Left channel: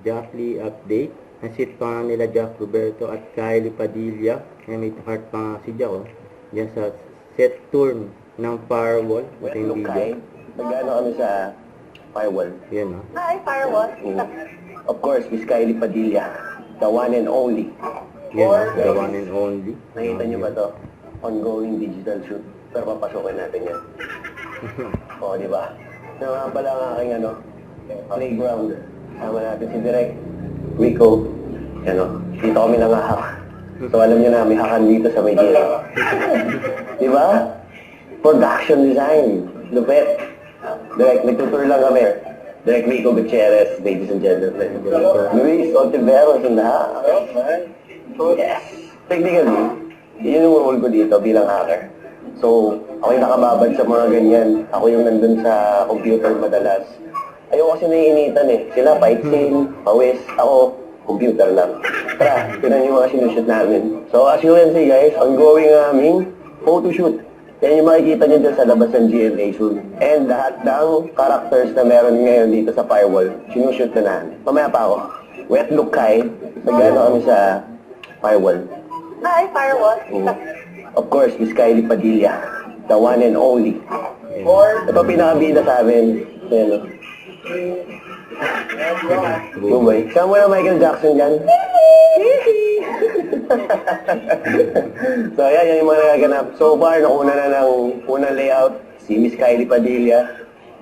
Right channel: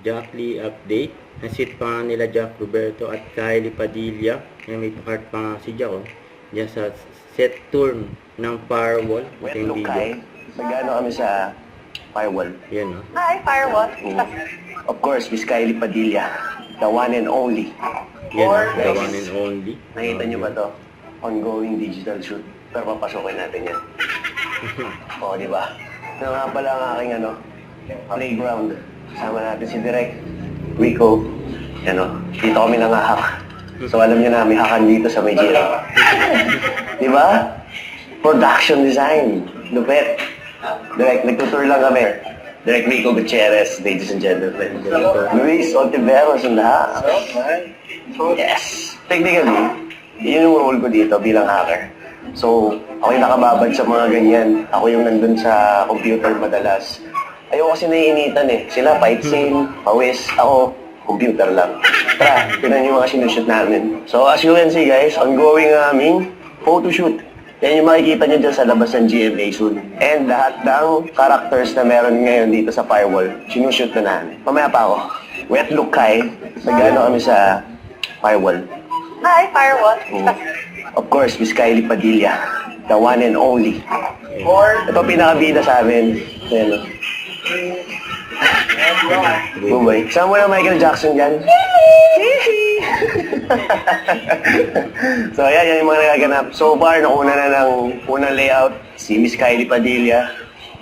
Jack Lee update. Nasit pa nga nila Jack Roberto at Kylie Padilla. May part pa nga si Jack diyan sa set turn ng Firewall. Wet look Kai. Nag-ano kami sa Firewall. Yan Hi, Firewall. Of course, Miss Kylie Padilla. The one and only. Yan the one and only. Nakita niyo ba to? Ongoing digital shoot. Pero papasokin natin yan. Oo, di ba? Na nga pala ang aking playground. Kasama natin si Direk, Rico. Dito kami nangahak. So alam niyo na, may hakan dito sa may giro. Di ba? Production design. Lupet. Direk, nagtutour lang kami. Direk Rico Gutierrez, ladies and gentlemen. Luis Ontiveros ang lahat. Yes! Technically, yun yung role ko dito bilang hacker. So, ako yung nakababad sa mga ganyan. Ako yung nandun sa computer madalas. Ayoko kasi naiinitan eh. Sila fight scene, pawis. Ako, computer lang. Tara, tinan yung mga sinushoot namin. So, as you can see guys, ongoing aming photoshoot. Yan yung makikita nyo dyan sa labas ng GMA soon. And lahat ng characters na meron ngayon dito sa Firewall, sinushoot na namin. Mamaya pa ako. Wet look Kai. Nag-ano kami sa Firewall. Hi, Firewall. Of course, Miss Kylie Padilla. The one and only. Ito pinakabida sa amin. Ayan. Bubay. Saan mo na Michael Jackson dyan? So, yan yung mga nagaganap. So far, nakuna na ng unang layout. Si Miss Kylie Padilla.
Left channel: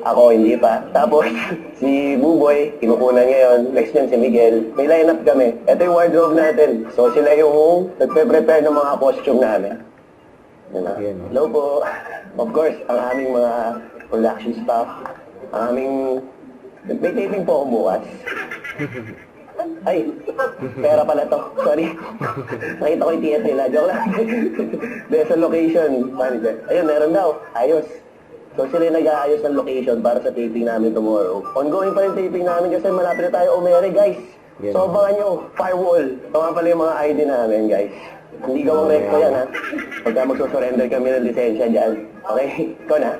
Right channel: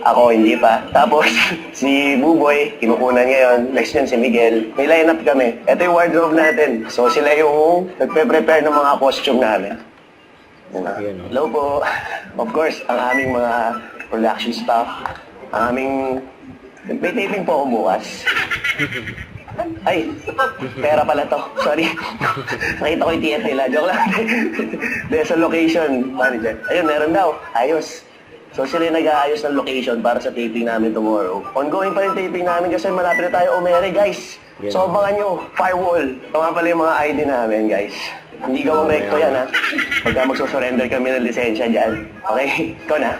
Ako, hindi pa. Tapos, si Buboy, kinukunan ngayon. Next yan si Miguel. May line-up kami. Ito yung wardrobe natin. So, sila yung nagpe-prepare ng mga costume namin. Hello po. Of course, ang aming mga production staff. Ang aming... May taping po ako bukas. Ay, pera pala to. Sorry. Nakita ko yung TF nila. Joke lang. There's a location manager. Ayun, meron daw. Ayos. So sila nag-aayos ng location para sa taping namin tomorrow. Ongoing pa rin taping namin kasi malapit na tayo umere, guys. So abangan nyo, Firewall. Ito nga pala yung mga ID namin, guys. Hindi gawang recto yan, ha? Pagka magsusurrender kami ng lisensya dyan. Okay? Ikaw na.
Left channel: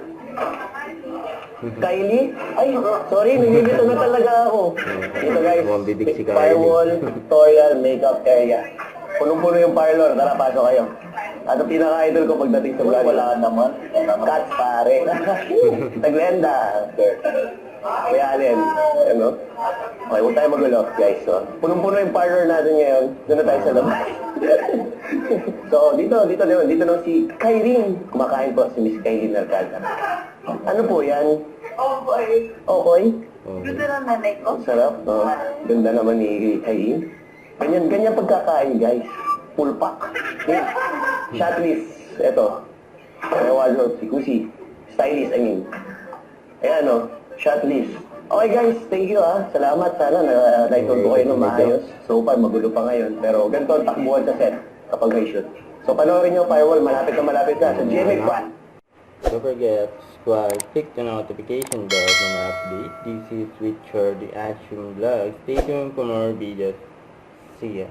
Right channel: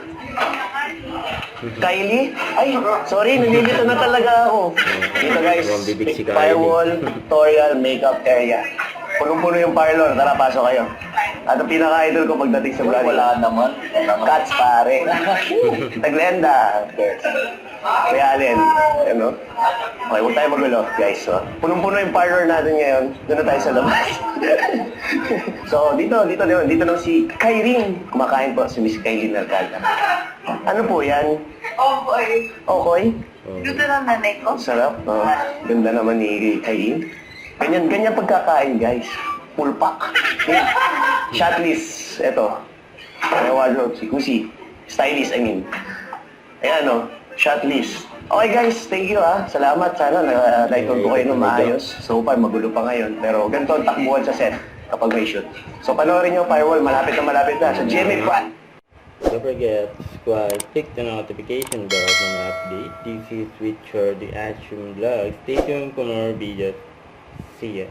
Kylie? Ay, sorry, nandito na talaga ako. Dito guys, Firewall, tutorial, makeup area. Punong-puno yung parlor, tara pasok kayo. At ang pinaka-idol ko pagdating sa vlog. Wala naman. Cats pare. Taglenda. Kaya Allen. Ano? Okay, huwag tayo magulo, guys. So, punong-puno yung parlor natin ngayon. Doon na tayo sa labas. So, dito lang si Kyrie. Kumakain po si Miss Kylie Mercada. Ano po yan? Okay. Okay? Ganda ng nanay ko. Sarap. Ganda naman ni Kylie. Ganyan pagkakain, guys. Full pack. Shot list. Ito. May wardrobe si Kusi. Stylist, I mean. Ayan, shot list. Okay, guys. Thank you, ha. Salamat. Sana na-title ko kayo ng maayos. So far, magulo pa ngayon. Pero ganito ang takbuhan sa set kapag may shoot. So, panoorin nyo, Firewall. Malapit na sa GMA Fan. Don't forget to subscribe, click the notification bell for more update. This is Richard, the Action Vlog. Stay tuned for more videos. See ya.